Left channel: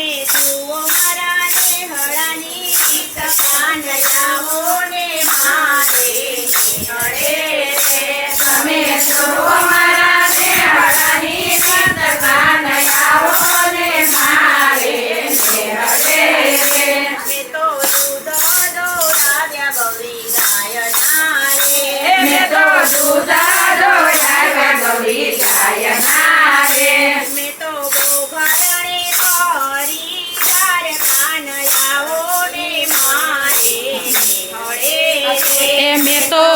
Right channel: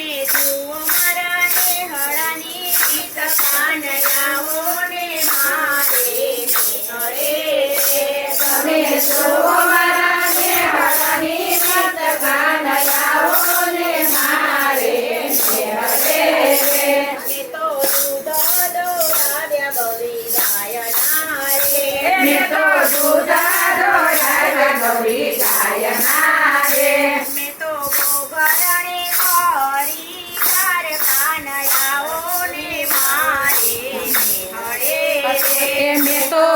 Itu.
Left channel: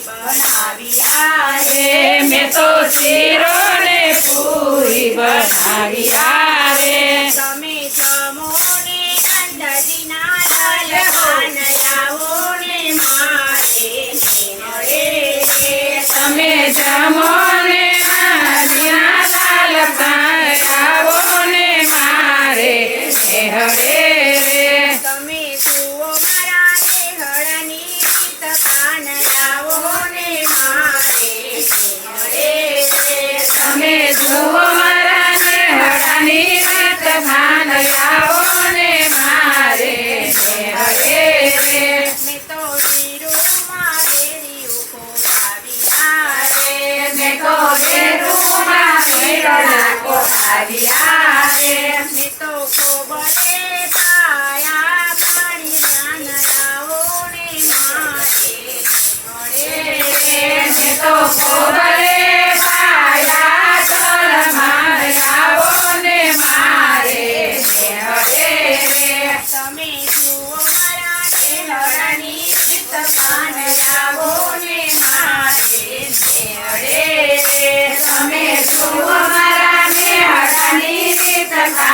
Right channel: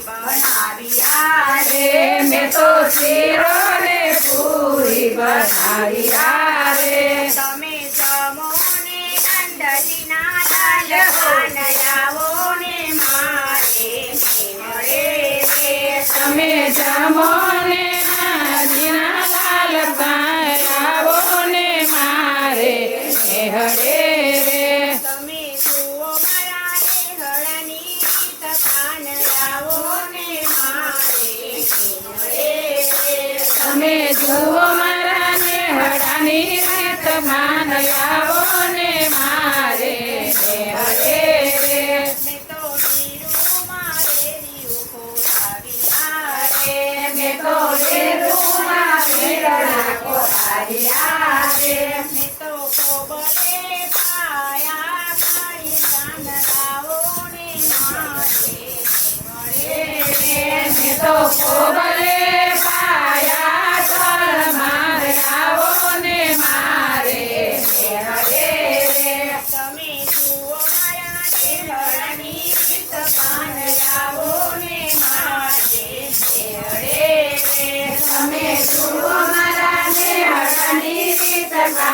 બનાવ્યા રે મેં તો શીરો ને પૂરી બનાવ્યા રે તમે જમો માન આવો મારે રે મેં તો વીરુ મારે રીયુ કો સાવિયા રે તો વીરુ મારે રીયુ કો સાવિયા રે મેં